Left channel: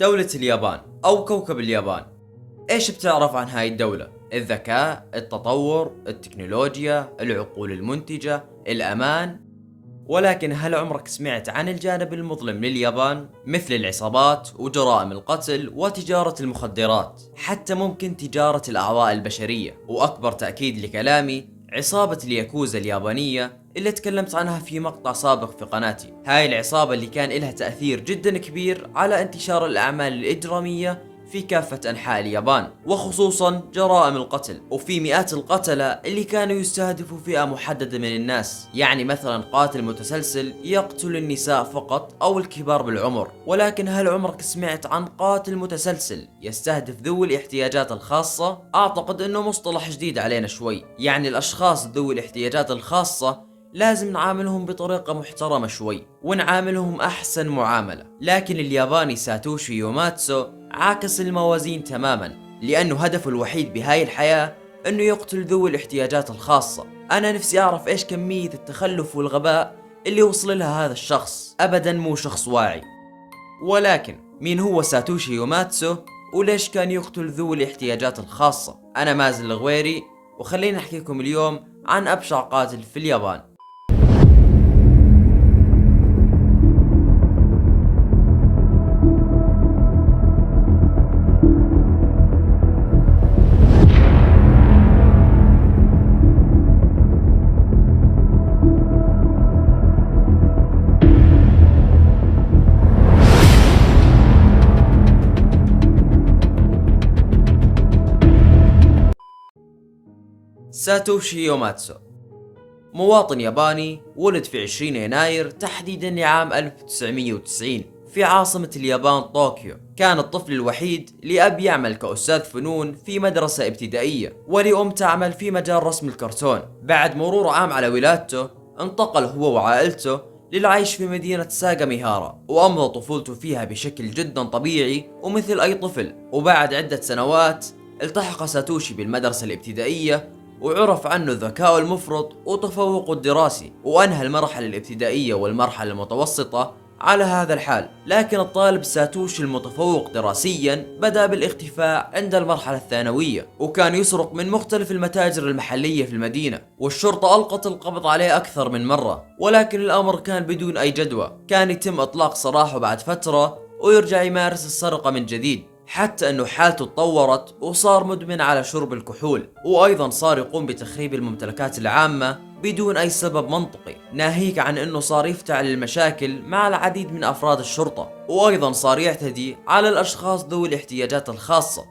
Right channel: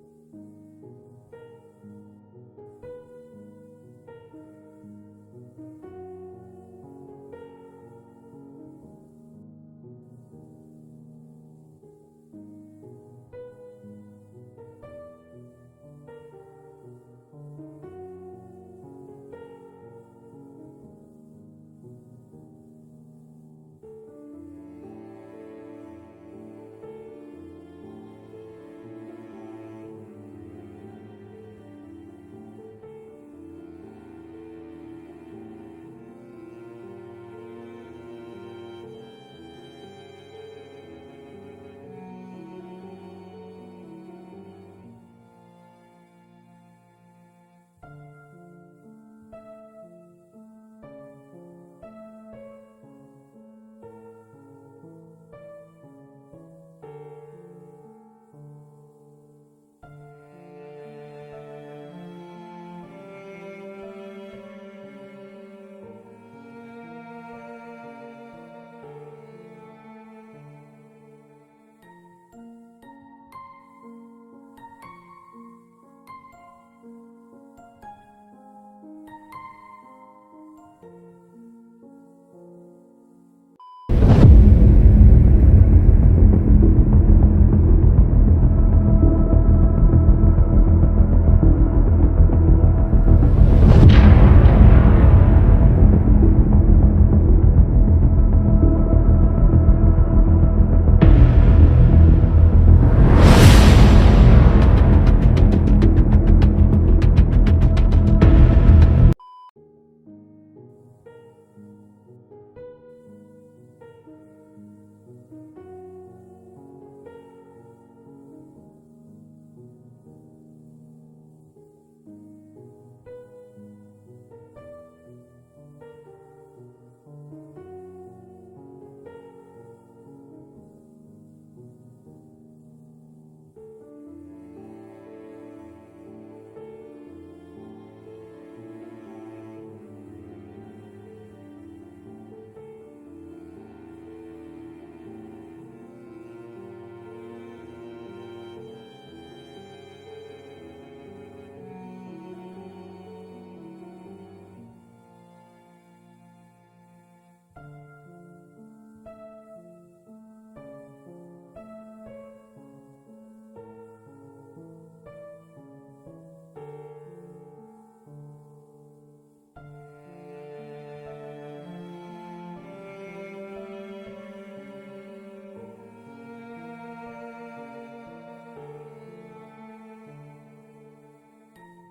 دولة اليابان أو كوكب اليابان، إيش بتعرف عن هاي الدولة؟ الذكاء، التطور، التكنولوجيا، العقول المنتجة، الأمان. ولكن هل عمرك سمعت عن الجانب المظلم لليابان؟ مثل العصابات وجرائم القتل وتجارة المخدرات، حتى ممكن تجارة الأعضاء البشرية. وأكبر تأكيد لكلامي عصابة الياكوزا اليابانية اللي تكلمت عنها في مقطع سابق في قناتي. هاي العصابة اللي كان لها تأثير جدا كبير على انتشار الأعمال الإجرامية في كافة أنحاء اليابان، وخصوصا جرائم القتل. وفي مئات القتلة اللي كانوا يستهدفوا فئة محددة من الناس، يعني مثلا قاتل متسلسل يقتل النساء فقط أو الكبار بالعمر. ولكن هل عمرك سمعت عن قاتل متسلسل يستهدف ذوي الاحتياجات الخاصة؟ أعتقد أنه مصطلح جديد علينا شوي. يعني الأشخاص ذوي الاحتياجات الخاصة لازم نعاملهم بطريقة محترمة شوي ونعاملهم أحسن معاملة. لكن الياباني ساتوشي يوماتسو عاكس الموازين تماما، لأنه هدفه الوحيد بهاي الحياة أنه يقتل ذوي الاحتياجات الخاصة. أنا نفسي أعرف إيش كمية التخلف والغباء اللي وصل لها هذا الشخص. أبدا مو شخص واعي. ولكن مين هو ساتوشي يوماتسو وليش كان يقتل ذوي الاحتياجات الخاصة؟ أنا مازن الغويري، وخليني أحكيكم اليوم عن أبشع قاتل في اليابان. ساتوشي يوماتسو مواطن ياباني، ولد في 20 يناير تحديدا لعام 1990 في عاصمة اليابان طوكيو. كان الطفل الوحيد لأب يعمل كأستاذ فنون في مدرسة ابتدائية، ولأم تعمل في مجال رسم الكرتون. بعد مرور عام على ولادته انتقل هو وعائلته للعيش في مدينة ساغاميهارا، وأمضى طفولته فيها بشكل جدا طبيعي ومثل أي طفل. وبعد عدة سنوات التحق ساتوشي بالمدرسة الابتدائية، وعرف عنه ذكاؤه المفرط وتفوقه الدراسي، وأنهى المرحلة الابتدائية والمرحلة المتوسطة على هذا الحال. لكن الطالب ساتوشي المتفوق دراسيا بدأ بالاختفاء عند المرحلة الثانوية، وكان يسرق من مختلف المتاجر المحلية في المدينة، والشرطة ألقت القبض عليه أكثر من مرة. ولكن الأمر كان بدون أي جدوى. كان يتم إطلاق سراحه بعد فترة ويرجع يمارس السرقة من جديد، حتى أنه حالته تطورت وصار مدمن على شرب الكحول، وأيضا صار يقوم بتخريب الممتلكات العامة بدون أي سبب منطقي، ناهيك عن أنه صار يفتعل المشاكل مع العديد من أفراد الشرطة، وأيضا صار يعتدي على الأشخاص ذوي الاحتياجات الخاصة.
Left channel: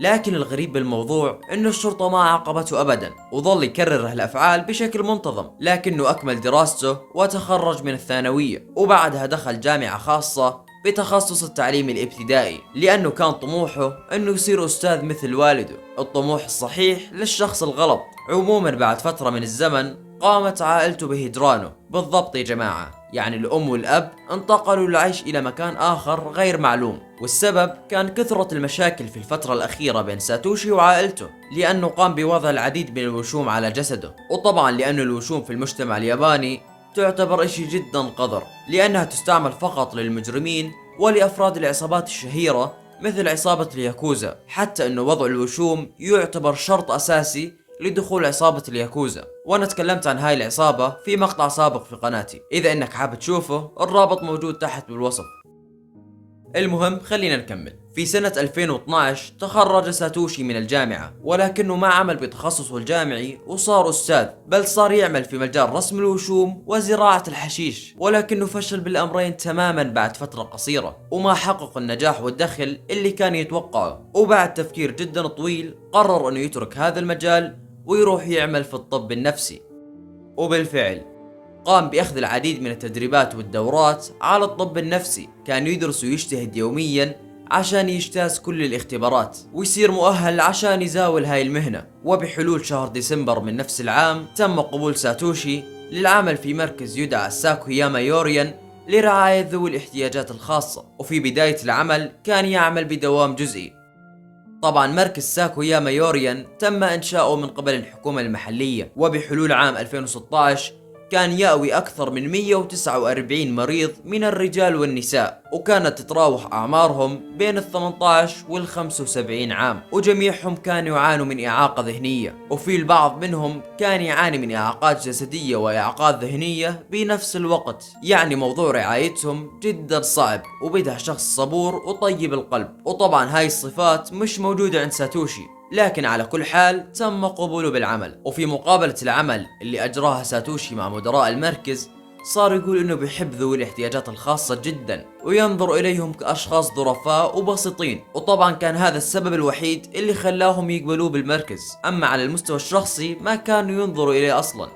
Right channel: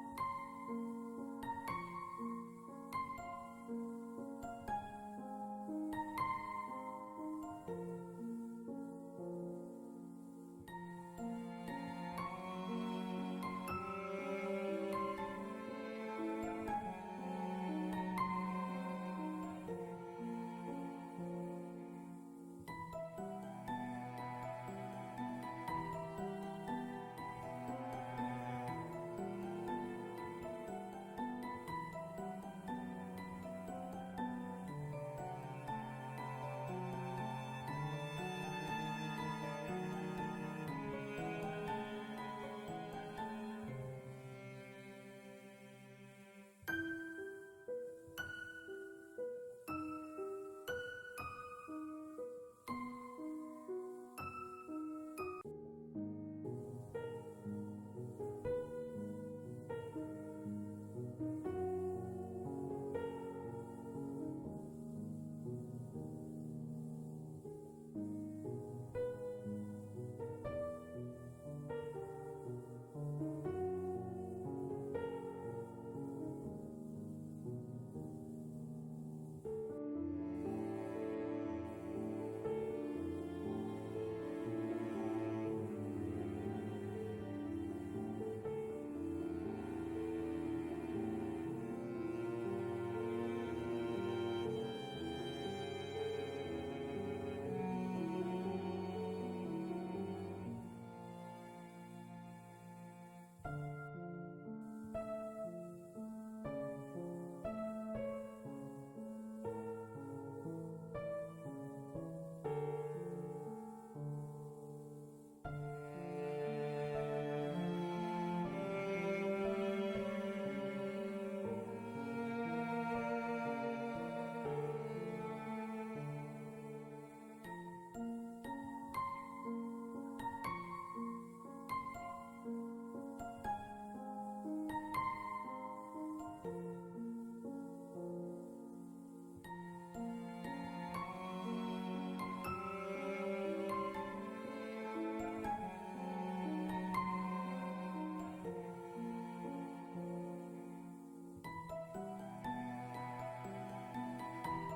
لكن الغريب بالموضوع أنه الشرطة ما عاقبته أبدا، وظل يكرر هالأفعال بشكل منتظم. لكنه أكمل دراسته وتخرج من الثانوية، وبعدها دخل جامعة خاصة بتخصص التعليم الابتدائي، لأنه كان طموحه أنه يصير أستاذ مثل والده. الطموح الصحيح للشخص الغلط. عموما بعد فترة من الزمن قامت عائلته بهجرانه. بالضبط يا جماعة، يعني الأم والأب انتقلوا للعيش إلى مكان آخر غير معلوم، والسبب كان كثرة المشاكل في الفترة الأخيرة بين ساتوشي وعائلته، لأنه قام بوضع العديد من الوشوم على جسده. وطبعا لأن الوشوم في المجتمع الياباني تعتبر إشي جدا قذر، لأنها تستعمل فقط للمجرمين ولأفراد العصابات الشهيرة مثل عصابة الياكوزا، حتى أنه وضع الوشوم يعتبر شرط أساسي لدخول عصابة الياكوزا. وانا تكلمت عن هاي العصابة في مقطع سابق في قناتي، اذا انك حابب تشوفه الرابط موجود تحت بالوصف. المهم خلينا نكمل. في سنة 2012 تخرج ساتوشي من الجامعة، ولكنه ما عمل بتخصصه الجامعي وصار أستاذ، بل صار يعمل في مجال رسم الوشوم وزراعة الحشيش. ولكنه فشل بالأمرين تماما بعد فترة قصيرة، وما حقق النجاح والدخل اللي كان يتوقعه. وبعد تفكير جدا طويل قرر أنه يترك هذا المجال ويروح يعمل في الطب النفسي. وبالفعل قام بأخذ العديد من التدريبات والدورات على الطب النفسي. كان يدرس ويجتهد يوميا عشان يجتاز كل الاختبارات ويصير مؤهل عشان يزاول هاي المهنة. وبحلول شهر ديسمبر من نفس العام تم قبول ساتوشي للعمل في مركز يدعى ساكوياما يوريان لرعاية ذوي الاحتياجات الخاصة. وفي بداية العمل كان يعمل بدوام جزئي. طبعا مركز ساكوياما يوريان تم إنشاؤه من قبل الحكومة المحلية، وبحلول عام 2016 كان يأوي أكثر من 149 مريض من الرجال والنساء، وكانت تتراوح أعمارهم بين ال 18 وال 75 عام، وجميعهم كانوا يعانوا من إعاقة ذهنية، وفي البعض منهم كان يعاني من إعاقات جسدية وإعاقات ذهنية بنفس الوقت. يعني موضوع رعايتهم جدا صعب، وبدها شخص صبور وطيب القلب، وطبعا هاي الصفات مش موجودة عند ساتوشي، لكن على كل حال تم قبوله بالعمل. وفي مقابلة العمل اللي أجراها ساتوشي مع مدراء المركز، صار يقول إنه بيحب ذوي الاحتياجات الخاصة جدا، وينظر إليهم كأشخاص ظرفاء وبسيطين، وطبعا كان هذا السبب الوحيد اللي خلاهم يقبلوه بالمركز. أما على المستوى الشخصي ما كانوا ينظروا إليه أصلا،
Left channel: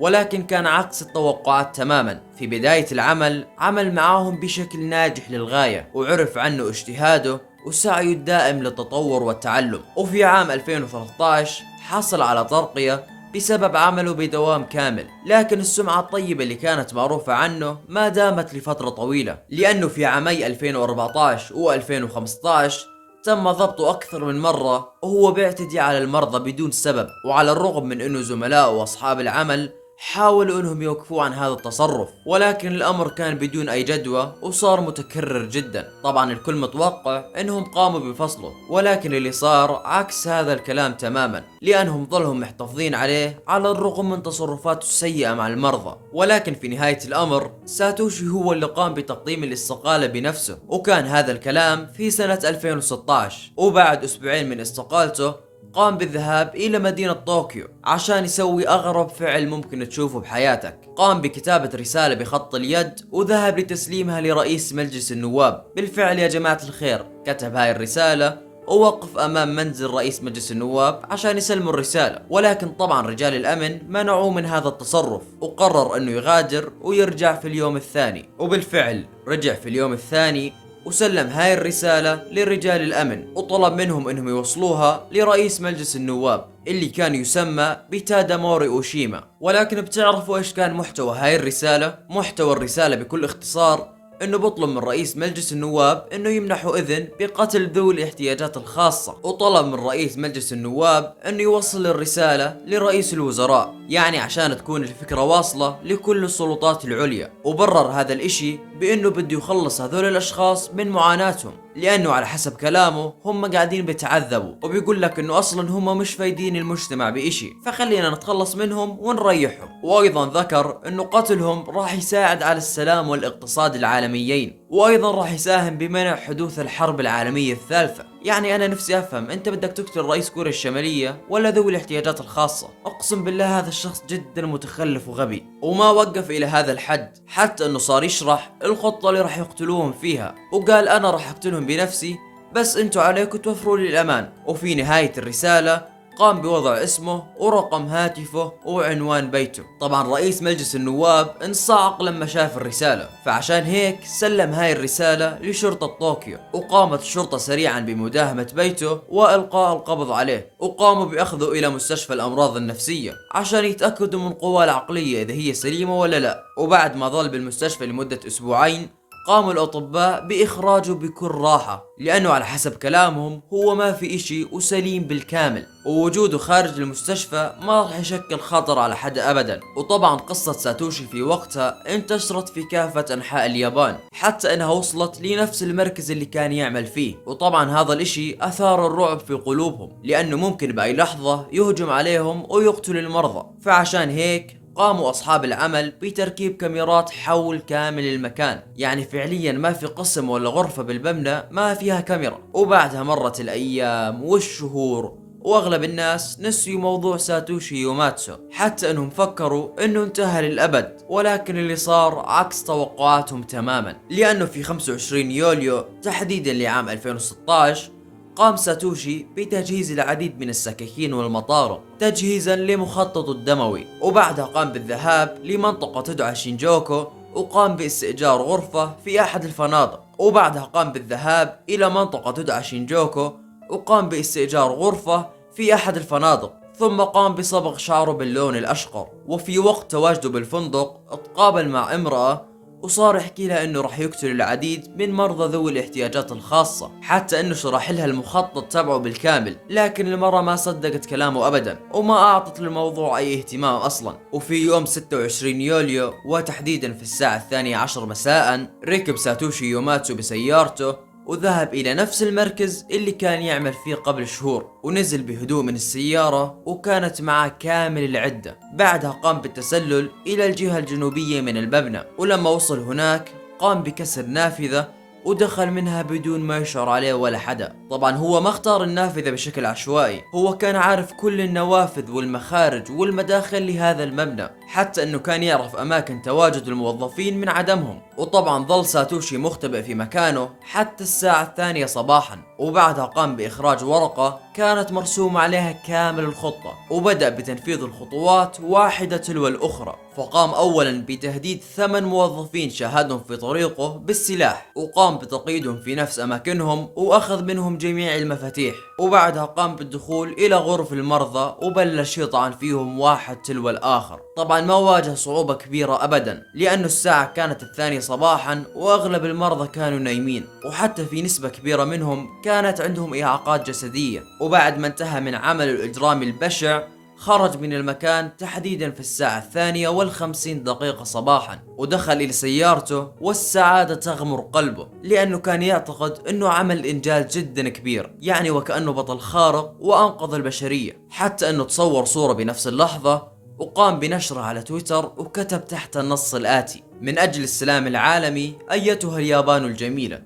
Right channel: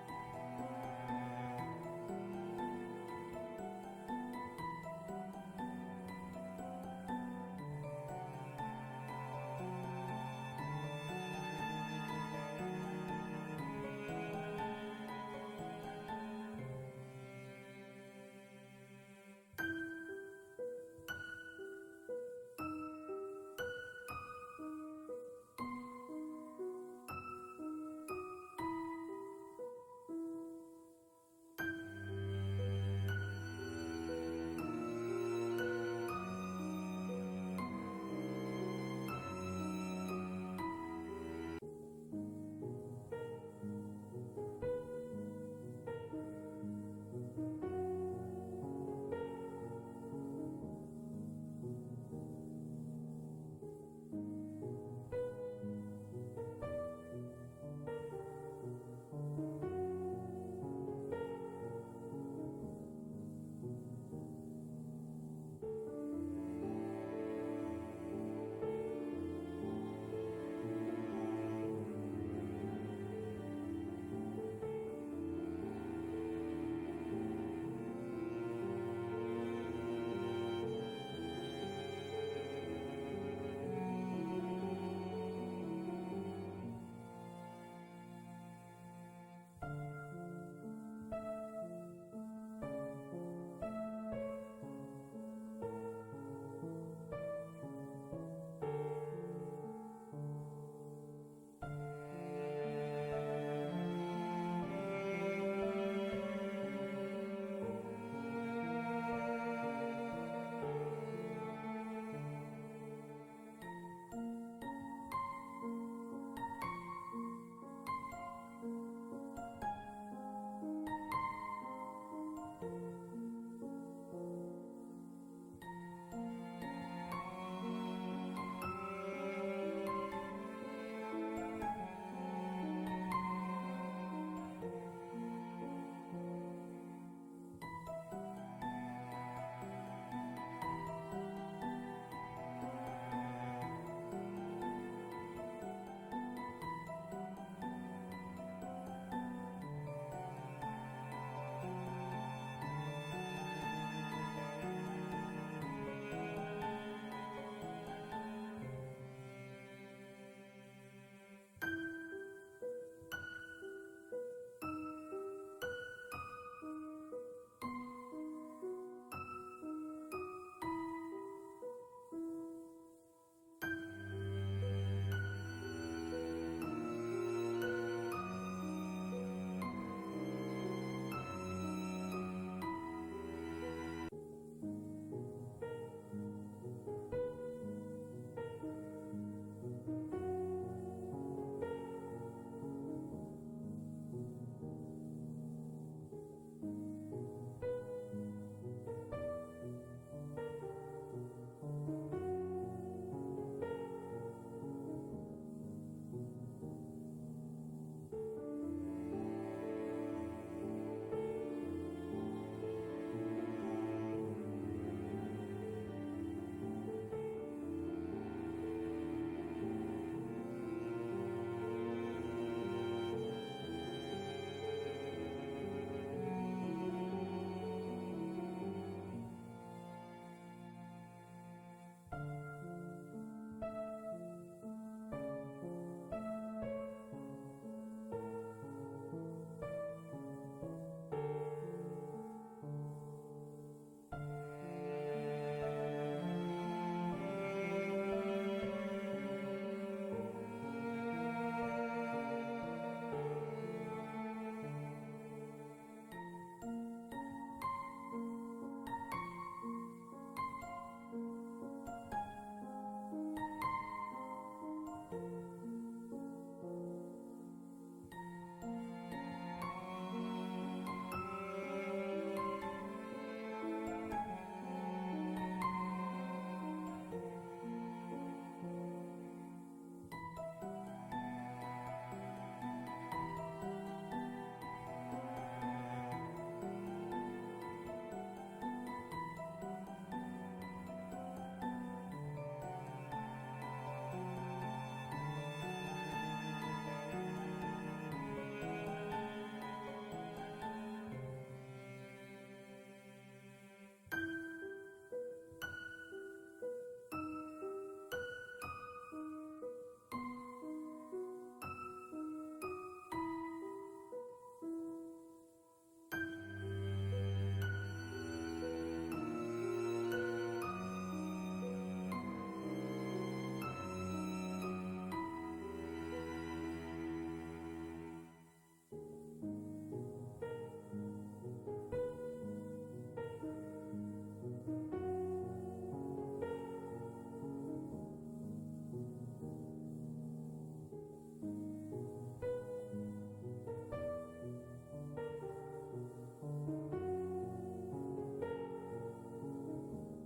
ولكن كان عكس التوقعات تماما. في بداية العمل عمل معاهم بشكل ناجح للغاية، وعرف عنه اجتهاده وسعيه الدائم للتطور والتعلم. وفي عام 2013 حصل على ترقية بسبب عمله بدوام كامل، لكن السمعة الطيبة اللي كانت معروفة عنه ما دامت لفترة طويلة، لأنه في عامي 2014 و 2015 تم ضبطه أكثر من مرة وهو بيعتدي على المرضى بدون سبب. وعلى الرغم من أنه زملائه وأصحاب العمل حاولوا انهم يوقفوا عن هذا التصرف، ولكن الامر كان بدون اي جدوى وصار متكرر جدا. طبعا الكل متوقع انهم قاموا بفصله، ولكن اللي صار عكس هذا الكلام تماما، لانهم ظلهم محتفظين عليه على الرغم من تصرفاته السيئة مع المرضى. ولكن في نهاية الامر ساتوشي هو اللي قام بتقديم الاستقالة بنفسه، وكان هذا الكلام في سنة 2016. وبعد اسبوعين من استقالته قام بالذهاب إلى مدينة طوكيو عشان يسوي أغرب فعل ممكن تشوفه بحياتك. قام بكتابة رسالة بخط اليد وذهب لتسليمها لرئيس مجلس النواب. بالفعل يا جماعة الخير كتب هاي الرسالة ووقف أمام منزل رئيس مجلس النواب عشان يسلموا الرسالة، ولكن طبعا رجال الأمن منعوه من هذا التصرف، وقرر أنه يغادر ويرجع في اليوم الثاني. وبالفعل رجع في اليوم الثاني وسلم هاي الرسالة لرجال الأمن، وطلب منهم انهم يوصلوها لرئيس مجلس النواب اللي كان يسمى بتاداموري أوشيما. ولكن بتعرفوا ايش كان محتوى هاي الرسالة؟ محتوى الرسالة بكل اختصار انه بطلب من رئيس مجلس النواب انه يمنحوا اذن بقتل ذوي الاحتياجات الخاصة، وطلب من رئيس مجلس النواب انه يوصل الرسالة لرئيس الوزراء، يعني عشان تكون الفكرة واصلة لكل السلطات العليا. وبرر هذا الاشي بانه بده يخلص هذول الاشخاص من معاناتهم، لانه على حسب كلامه هم قاعدين بيتعذبوا، وبيقول لك انه اصلا هم مش فايدين المجتمع باشي، فخلينا نتخلص منهم ونريحهم. وايضا ذكر انه قتلهم راح يساعد على السلام والاقتصاد العالميين، وايضا راح يساهم بمنع حدوث الحرب العالمية الثالثة. يعني انا نفسي افهم، انت بدك تقتل رئيس كوريا الشمالية ولا ذوي الاحتياجات الخاصة؟ اقسم بالله هذا الشخص جدا متخلف وغبي. وما وقف الى هذا الحد، حتى انه صار يشرح الخطة اللي راح يقتلوهم فيها، وقال انا راح اقتلهم بنفسي بس انتوا عليكم توفروا لي الامان. وفي نهاية الرسالة قام بوضع اسمه ورقم هاتفه وعنوان بيته. طبعا رئيس مجلس النواب انصعق لما شاف الرسالة، فعشان هيك سلم هاي الرسالة لشرطة طوكيو، وقامت الشرطة سريعا بمداهمة بيته وإلقاء القبض عليه، وقاموا بأخذه إلى مستشفى الأمراض النفسية عشان يتأكدوا من قواه العقلية إذا هي سليمة ولا لا. وبعد ما ظل بالمستشفى لمدة أسبوعين قاموا الأطباء بإخراجه بكل راحة، لأنه على حسب كلامهم هو ما في إشي وسليم بالكامل، ووجوده خارج المستشفى ما راح يشكل خطر على حد أبدا. وطبعا قصة ساتوشي في وقتها انتشرت في كافة أنحاء اليابان، حتى أنها وصلت لنفس المركز اللي كان يعمل فيه. وطبعا هذا الإشي أثار الرعب في قلوبهم، لأنه ممكن بأي لحظة يهجم عليهم ويقتل المرضى. فعشان هيك قاموا أصحاب العمل بتركيب كاميرات حول كامل المكان، يعني فعليا ما في قسم ولا غرفة بالمبنى ما فيها كاميرا. وبعدها مرت الأيام والشهور واغلب الناس نسيوا موضوع ساتوشي يوماتسو، حتى انهم فكروا انه انتهى للابد. ولكن اللي صار عكس توقعاتهم تماما، لانه في 25 يوليو تحديدا لعام 2016 قام ساتوشي بتجهيز العديد من السكاكين والمطارق تجهيزا لمخططه الدموي، وبعدها قام بالذهاب لمنطقة تدعى شينجوكو وقام باستئجار غرفة في أحد الفنادق. وبعدها قام بالذهاب إلى منطقة تدعى شينجوكو وقام باستئجار غرفة في أحد الفنادق، ثم قام بصبغ شعره باللون الأشقر. وفي وقت تواجده بالفندق تقابل مع امرأة وصار يحكي لها انه راح يقتل العديد من مرضى ذوي الاحتياجات الخاصة، حتى انه شرح لها المخطط تبعه بالكامل. لكن المرة ما صدقت كلامه ابدا وما اعطت للموضوع اي اهتمام اصلا. وفي يوم 26 يوليو وتحديدا في الساعة 12 مساء، ركب ساتوشي يوماتسو بسيارته وذهب إلى نفس المركز اللي كان يعمل فيه قبل شهور، ونزل بهدوء من السيارة وكانت معه كامل العدة. بعدها قام بالتسلل إلى الجهة الجنوبية من المبنى، ولما وصل هناك قام بكسر نافذة ودخل منها بدون ما يشعر عليه ولا حدا. طبعا هو ما اختار النافذة بشكل عشوائي، هو كان عارف كل النوافذ والمخارج والمداخل لهذا المبنى، حتى انه كان يعرف اماكن تواجد الموظفين من عدمهم. وطبعا ظل ساتوشي مختبئ في مكانه حتى الساعة 2 صباحا، وبعدها قام باخراج ورقة كانت مرسوم عليها كامل الخطة، وبدأ بتنفيذ الخطوات واحدة تلو الاخرى. فقام اولا بتهديد 8 موظفين شاهدهم في طريقه بالسلاح، وقام بتقييدهم في نفس اماكنهم واخذ منهم جميع المفاتيح. وبعدها قام بالدخول الى غرف المرضى وبلش يطعن فيهم واحد تلو الاخر. طبعا ما واجه صعوبة كبيرة ابدا، لانه الساعة كانت 2 صباحا واغلب المرضى كانوا نايمين، وحتى في نسبة كبيرة منهم كانت عندهم اعاقات جسدية. وبعد ما انتهى من عمل الاجرام البشع خرج من المكان تحديدا في الساعة 2:50 صباحا، ودخل إلى سيارته والسعادة تغمر قلبه، لأنه كان يعتقد أنه عمل إنجاز جدا كبير، يعني وكأنه بطل خارق وأنقذ البشرية. حتى أنه تصور صورة بنفس اللحظة وقام بنشرها على تويتر، وكتب تحت النص الآتي: من أجل السلام العالمي أيتها اليابان الجميلة.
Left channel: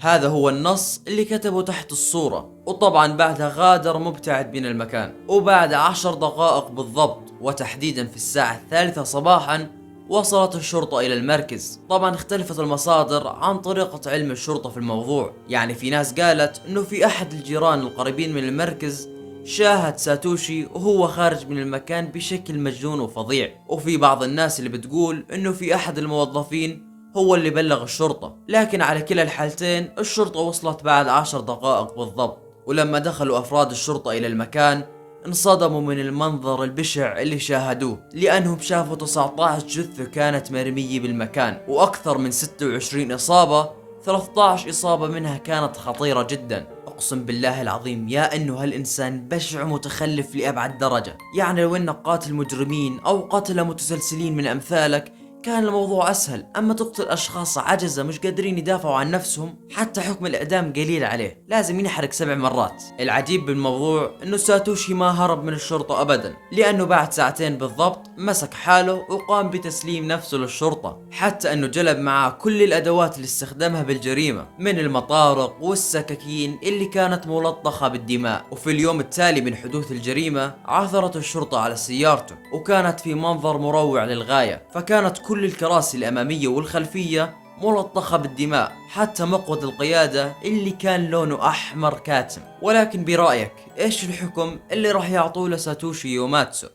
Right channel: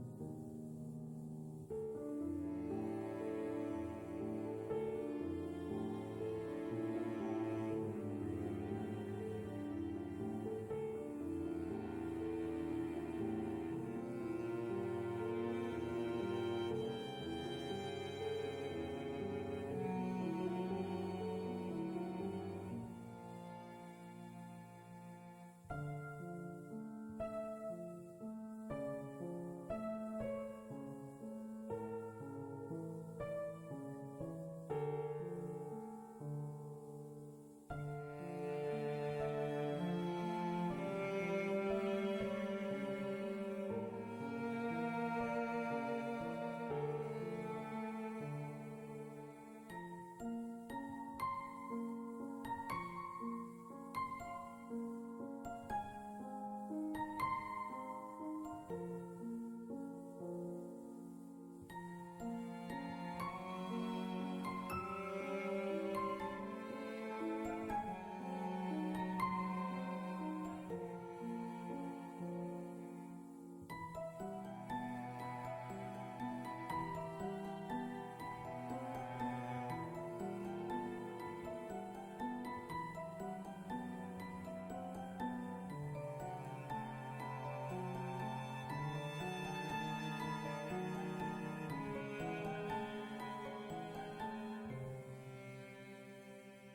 هذا هو النص اللي كتبه تحت الصورة. وطبعا بعدها غادر مبتعد من المكان، وبعد 10 دقائق بالضبط وتحديدا في الساعة 3 صباحا وصلت الشرطة إلى المركز. طبعا اختلفت المصادر عن طريقة علم الشرطة في الموضوع، يعني في ناس قالت انه في احد الجيران القريبين من المركز شاهد ساتوشي وهو خارج من المكان بشكل مجنون وفظيع، وفي بعض الناس اللي بتقول انه في احد الموظفين هو اللي بلغ الشرطة. لكن على كلا الحالتين الشرطة وصلت بعد 10 دقائق بالضبط، ولما دخلوا أفراد الشرطة إلى المكان انصدموا من المنظر البشع اللي شاهدوه، لأنهم شافوا 19 جثة كانت مرمية بالمكان، وأكثر من 26 إصابة، 13 إصابة منها كانت خطيرة جدا. أقسم بالله العظيم يا أنه هالإنسان بشع متخلف لأبعد درجة. يعني لو أنك قاتل مجرمين أو قتلة متسلسلين من أمثالك كان الموضوع أسهل، أما تقتل أشخاص عجزة مش قادرين يدافعوا عن نفسهم، حتى حكم الإعدام قليل عليه، لازم ينحرق 7 مرات. العجيب بالموضوع إنه ساتوشي ما هرب من الشرطة أبدا، لأنه بعد 2 ساعات بالضبط مسك حاله وقام بتسليم نفسه للشرطة، حتى إنه جلب معاه كل الأدوات اللي استخدمها بالجريمة، من المطارق والسكاكين اللي كانت ملطخة بالدماء. وفي اليوم التالي من حدوث الجريمة عثرت الشرطة على سيارته، وكانت في منظر مروع للغاية، فكانت كل الكراسي الأمامية والخلفية ملطخة بالدماء، حتى مقود القيادة اللي كان لونه أحمر كاتم. ولكن برأيك إيش الحكم اللي راح يعطوه لساتوشي يوماتسو؟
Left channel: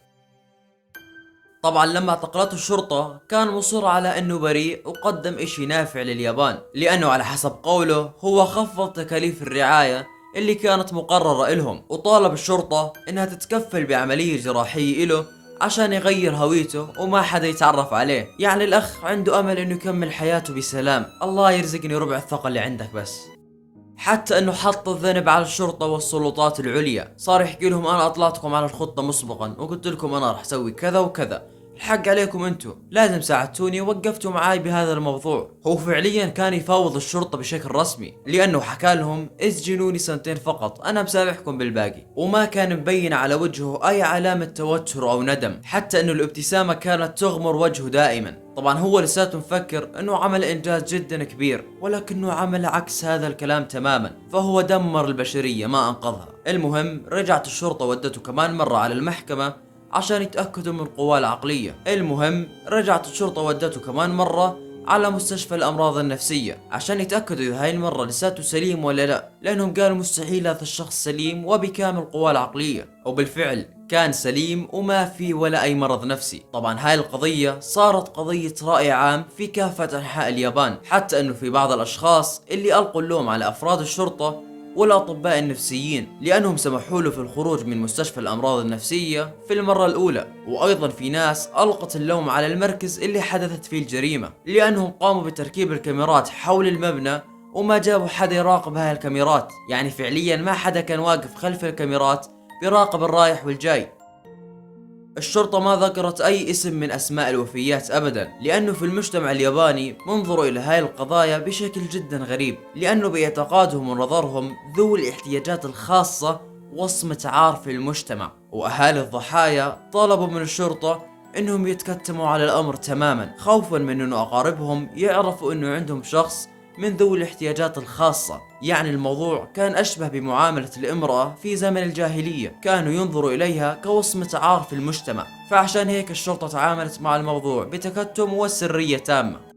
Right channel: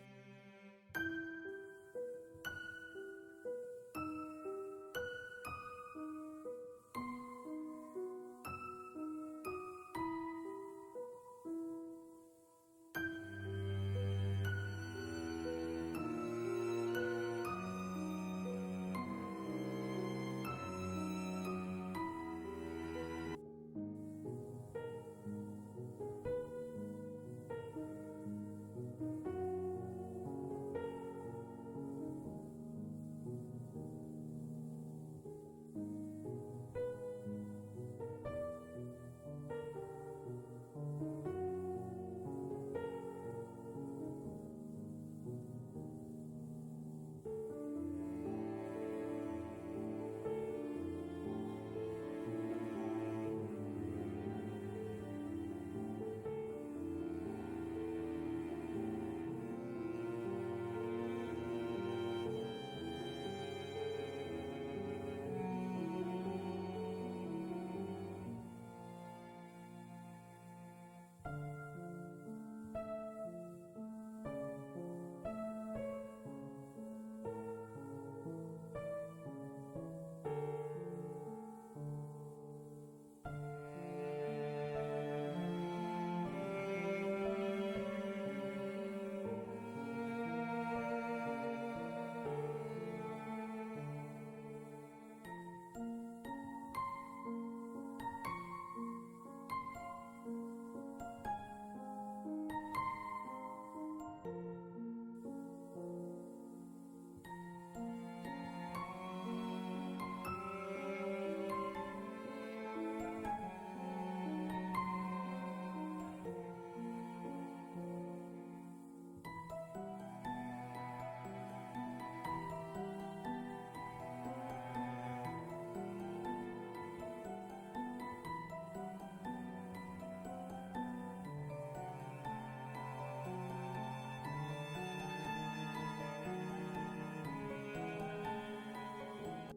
طبعا لما اعتقلته الشرطة كان مصر على انه بريء وقدم اشي نافع لليابان، لانه على حسب قوله هو خفض تكاليف الرعاية اللي كانت مقررة لهم، وطالب الشرطة انها تتكفل بعملية جراحية له عشان يغير هويته وما حدا يتعرف عليه. يعني الاخ عنده امل انه يكمل حياته بسلام. الله يرزقني ربع الثقة اللي عندك بس. حتى انه حط الذنب على الشرطة والسلطات العليا، صار يحكي لهم انا اطلعتكم على الخطة مسبقا وقلت لكم انا راح اسوي كذا وكذا، الحق عليكم انتو لازم ساعدتوني ووقفتوا معاي بهذا الموضوع. هو فعليا كان يفاوض الشرطة بشكل رسمي، لانه حكى لهم اسجنوني 2 سنين فقط انا مسامحكم بالباقي، وما كان مبين على وجهه اي علامة توتر او ندم، حتى انه الابتسامة كانت تغمر وجهه دائما. طبعا هو لساته مفكر انه عمل انجاز جدا كبير، ولكنه عمل عكس هذا الكلام تماما، فهو دمر البشرية ما انقذها. المهم رجعت الشرطة ودته كمان مرة على المحكمة عشان يتأكدوا من قواه العقلية. على مستشفى الأمراض النفسية عشان يتأكدوا إذا هاي المرة لساته سليم ولا لا، لأنهم قالوا مستحيل هذا الشخص سليم وبكامل قواه العقلية، وبالفعل كان سليم وما في ولا أي مرض نفسي. طبعا هاي القضية صارت قضية رأي عام في كافة أنحاء اليابان، حتى أنه في بعض الأشخاص اللي ألقوا اللوم على أفراد الشرطة والأطباء النفسيين، لأنهم سمحوا له في الخروج من مستشفى الأمراض النفسية في المرة الأولى. وأيضا في ناس ألقت اللوم على المركز اللي حدثت فيه الجريمة، لأنهم قاموا بتركيب الكاميرات حول المبنى وما جابوا حدا يراقب هاي الكاميرات. يعني فعليا ما حدا كان واقف خلف الكاميرات بيراقب الرايح والجاي. الشرطة ما ذكرت أي اسم من أسماء الوفيات أبدا، لأنه في المجتمع الياباني منظروا إلى هاي القضايا بشكل جدا غريب، لأنه باعتقادهم ونظرهم ذوي الاحتياجات الخاصة وصمة عار في المجتمع. وأهالي الضحايا طلبوا من الشرطة إنهم يتكتموا على الأمر تماما، خوفا من إنه أقاربهم يعرفوا إنه عندهم شخص من ذوي الاحتياجات الخاصة. يعني الموضوع كان أشبه بمعاملة الامرأة في زمن الجاهلية، كانوا ينظروا إليها كوصمة عار في المجتمع، فعشان هيك الشرطة تعاملت مع الموضوع بتكتم وسرية تامة.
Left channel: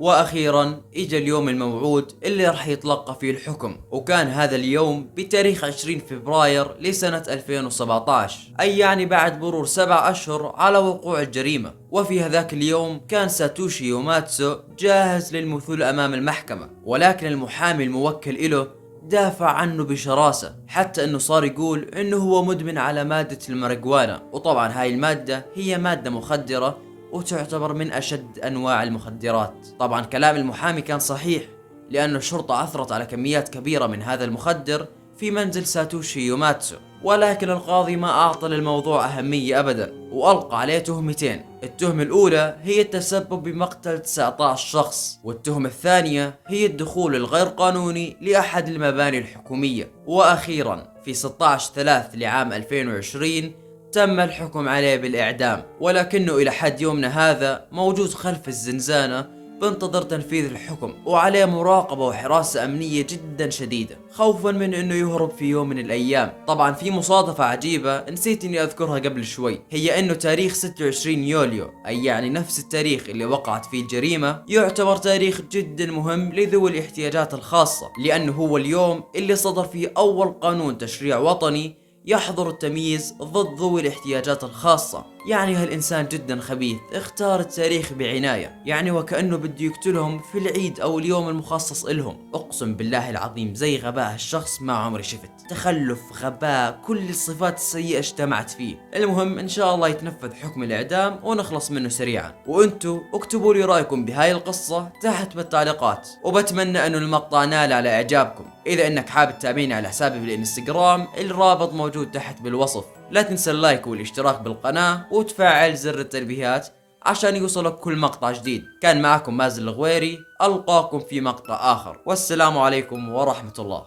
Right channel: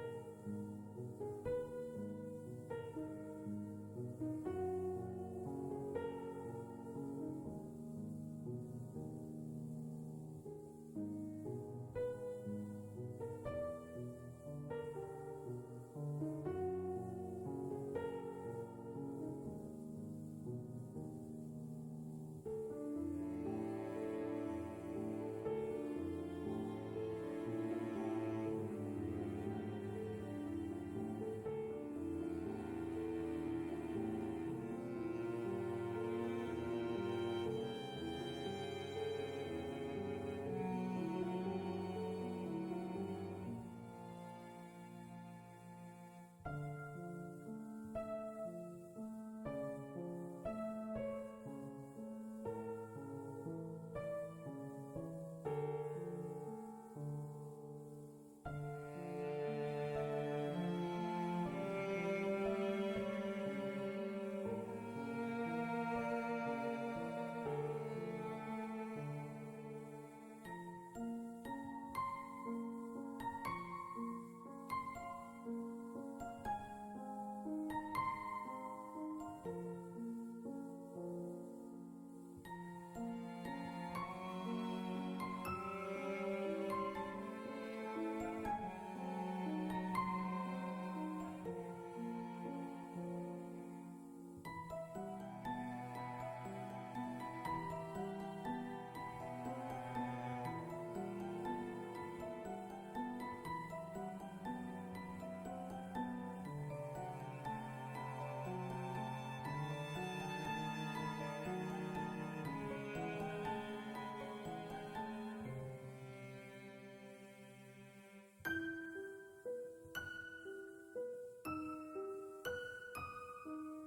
واخيرا اجى اليوم الموعود اللي راح يتلقى فيه الحكم، وكان هذا اليوم بتاريخ 20 فبراير لسنة 2017، اي يعني بعد مرور 7 اشهر على وقوع الجريمة. وفي هذاك اليوم كان ساتوشي يوماتسو جاهز للمثول امام المحكمة، ولكن المحامي الموكل له دافع عنه بشراسة، حتى انه صار يقول انه هو مدمن على مادة الماريجوانا. وطبعا هاي المادة هي مادة مخدرة وتعتبر من أشد أنواع المخدرات. طبعا كلام المحامي كان صحيح، لأن الشرطة عثرت على كميات كبيرة من هذا المخدر في منزل ساتوشي يوماتسو، ولكن القاضي ما أعطى للموضوع أهمية أبدا، وألقى عليه تهمتين. التهمة الأولى هي التسبب بمقتل 19 شخص، والتهمة الثانية هي الدخول الغير قانوني لأحد المباني الحكومية. وأخيرا في 16/3 لعام 2020 تم الحكم عليه بالإعدام، ولكنه إلى حد يومنا هذا موجود خلف الزنزانة بانتظر تنفيذ الحكم، وعليه مراقبة وحراسة أمنية جدا شديدة، خوفا من أنه يهرب في يوم من الأيام. طبعا في مصادفة عجيبة نسيت أني أذكرها قبل شوي، هي أنه تاريخ 26 يوليو، أي يعني نفس التاريخ اللي وقعت فيه الجريمة، يعتبر تاريخ جدا مهم لذوي الاحتياجات الخاصة، لأنه هو اليوم اللي صدر فيه أول قانون تشريع وطني يحظر التمييز ضد ذوي الاحتياجات الخاصة. يعني هالإنسان جدا خبيث اختار التاريخ بعناية، يعني وكأنه بده يقتلهم في العيد أو اليوم المخصص إلهم. أقسم بالله العظيم زي غباء هالشخص ما عمري شفت، تخلف، غباء، كل الصفات السيئة اجتمعت فيه. المهم إن شاء الله يتنفذ حكم الإعدام ونخلص منه سريعا. وأنتوا اكتبوا لي رأيكم بهاي القصة تحت بالتعليقات، وبتمنى أنه المقطع نال على إعجابكم. إذا إنك حابب تتابعني على حسابي بالإنستغرام الرابط موجود تحت بالوصف. لا تنسى اللايك والاشتراك بالقناة وتفعل زر التنبيهات عشان يوصلك كل مقطع جديد. كان معكم مازن الغويري، ألقاكم في مقطع آخر، والسلام عليكم ورحمة الله.